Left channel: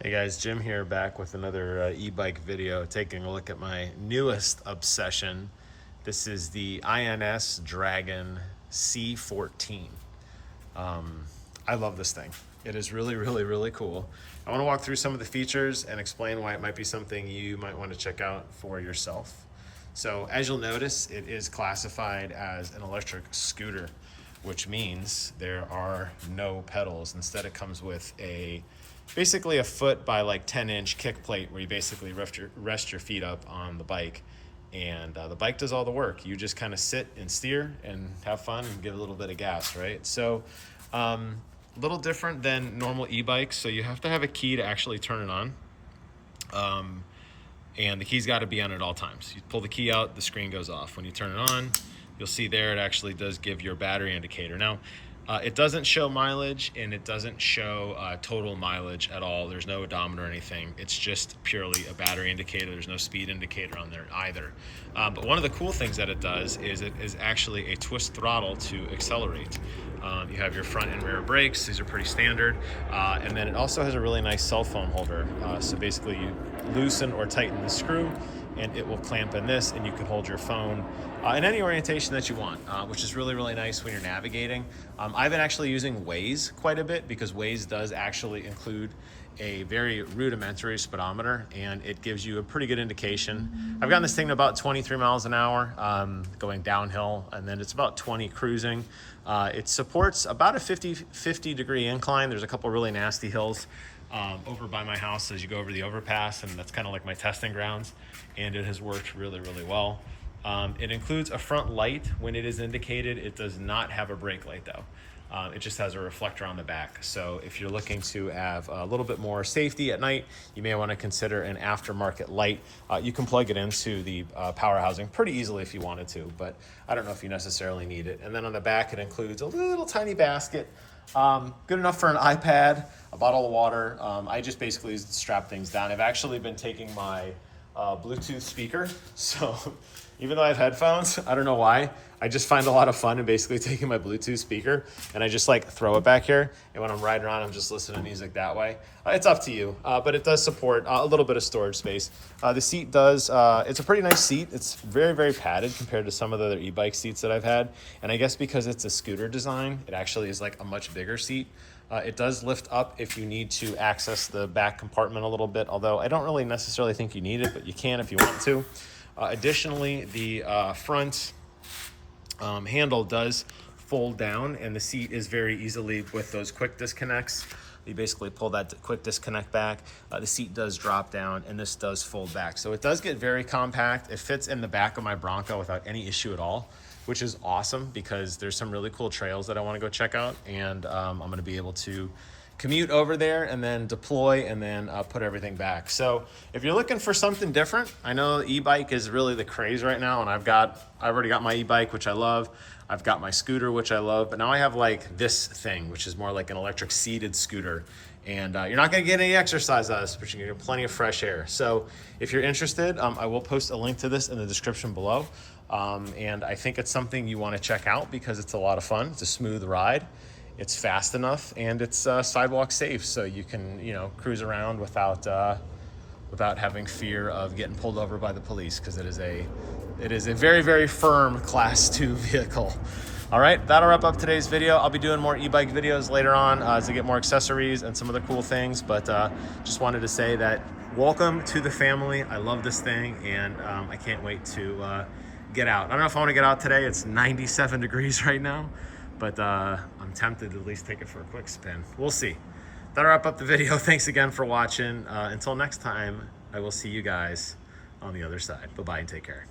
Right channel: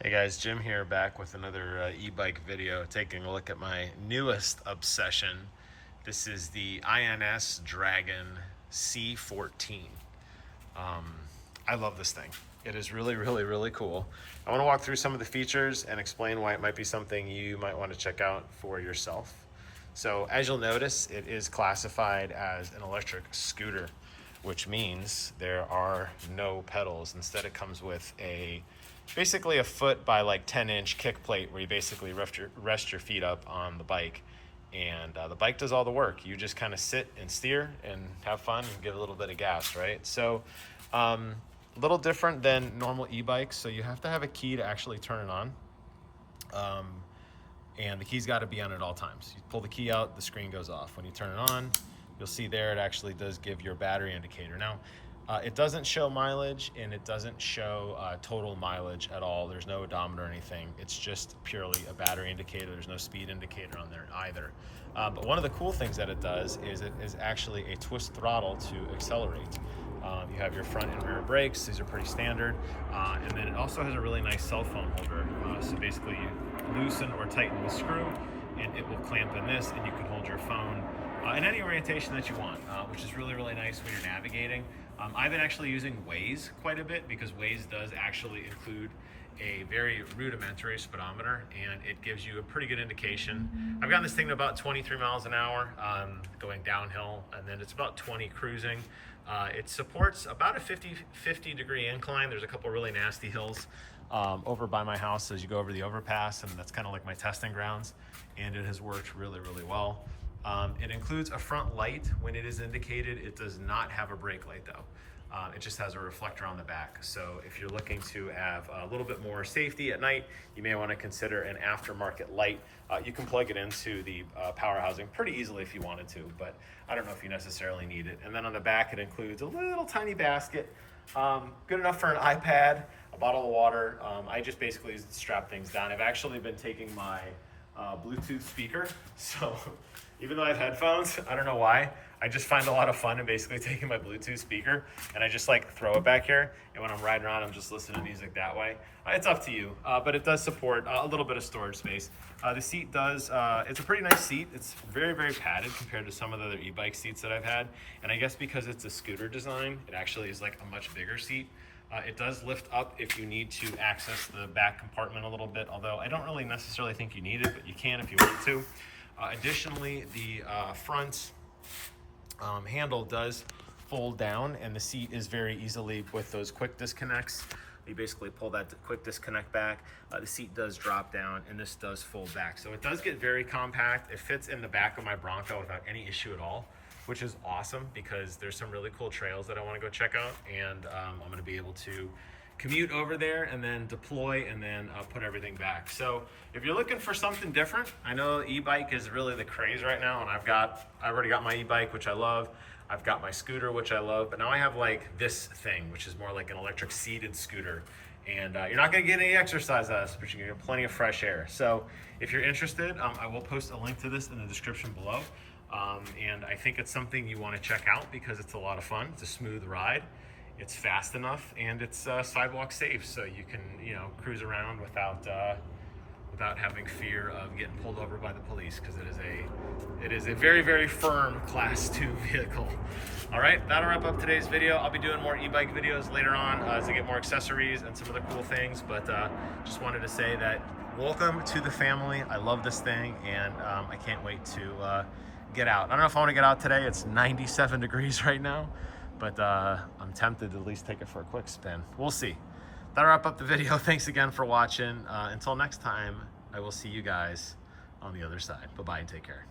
Hey guys, Jim here, back with another e-bike video, taking a look at my newest obsession. This is the INSDRGN C14. I love this thing. It is really cool. I want to walk through some of the features and explain why it might be something you might want to check out for yourself. So as you'll notice, it is classified as an electric scooter, which means there are no pedals. Instead, it comes with basically a foot by like 10-inch kick plate where you basically rest your feet up on the bike, and the bike does all the work. You just kind of sit and steer and have fun and give a little bit of gas, right? So a little different than normal e-bikes. So you have to have a key to actually turn it on. And the key's got to be on at all times. You pull the key out, the screen goes off. When you turn it on, you'll see there it actually does give your battery indicator. Now, it doesn't show mileage, and it doesn't show total mileage at all. There's no odometer or anything. It's just purely a battery indicator. There's no speed indicator on there either. But one of the cool things that it does is it is actually a twist throttle to accelerate. You have your front and rear brakes. These are pretty standard. And then it also has a really nice cell phone holder. So basically you loosen or tighten the screw, and it will clamp in this, and you can hold your phone in any orientation that you want, which is really nice when you're navigating. I've been actually using Waze quite a bit, because Waze does actually include a very rudimentary speedometer, and it gives you a pretty good indication. I've gotten this thing to about 23 miles an hour going downhill, and then it's about 20 cruising. It supports about a 50 degree incline. There's a couple really nasty hills over by my house as you go over the overpass, and that's kind of like my testing grounds, and it has worked really well. It includes a front light when it is indicated. It does not have a brake light though. It just has a reflector on the back. So if you're looking to have a little bit more safety at night, you may want to consider an aftermarket light. You can plug it into the power housing pretty easily if you wanted to, but I don't know if you necessarily need it. And then on the back, it includes a little tiny basket, good enough for an iPad, a bottle of water. I just basically strap things down. I've actually been taking my Bluetooth speaker, so even though I have headphones, I don't know why, I just find a lot of fun in basically taking my Bluetooth speaker and I just like throw it back here, and when I'm riding around, I'm just listening to music that way. It's up to you, but it does support a little bit of storage space. The seat does, it's a pretty nice seat. It's very padded compared to some of the other e-bike seats that I've had, and I guess because it's a scooter design, it actually is like a much bigger seat. It does lift up if you need to access the back compartment a little bit, although I don't really necessarily think you need it, but you can if you want to. Additionally, the front handle does fold down, and the seat is very easily with those quick disconnects. You basically pull that quick disconnect back. The seat does drop down, and this does fold back. So it does get very compact. It fits in the back of my Bronco without any issue at all, which is awesome because there's some really cool trails that I want to go check out, and I'm going to be able to commute over there and then deploy and then put everything back. So if you're looking for something different, I know e-bike is really the craze right now, and I've already got my e-bike, which I love. I've got my scooter, which I love, but now I have like this thing, which is more like an electric seated scooter. And you're not gonna get any exercise out of this, but you're gonna get plenty of fresh air. So if you're interested, I will post a link to this in the description below. And I think it's something you wanna check out because it's a lot of fun. It's a smooth ride. It's fast enough, and it's sidewalk safe, so you can, cruise around without having fear of getting pulled over by the police, because it is a very firm Class 2 vehicle. All right, that'll wrap up today's video. I'll be doing more e-bike videos later on as I get more accessories and some other cool things, but just wanted to say that welcome to the family. I love this thing, and I can't wait to get out. I don't know if I want to get out today. It's 97 degrees right now, but I'm tempted to at least take it for a quick spin. We'll see. That'll wrap up the video. Thanks again for watching. Until next time, I will see you guys on the other side. Bye-bye and take care.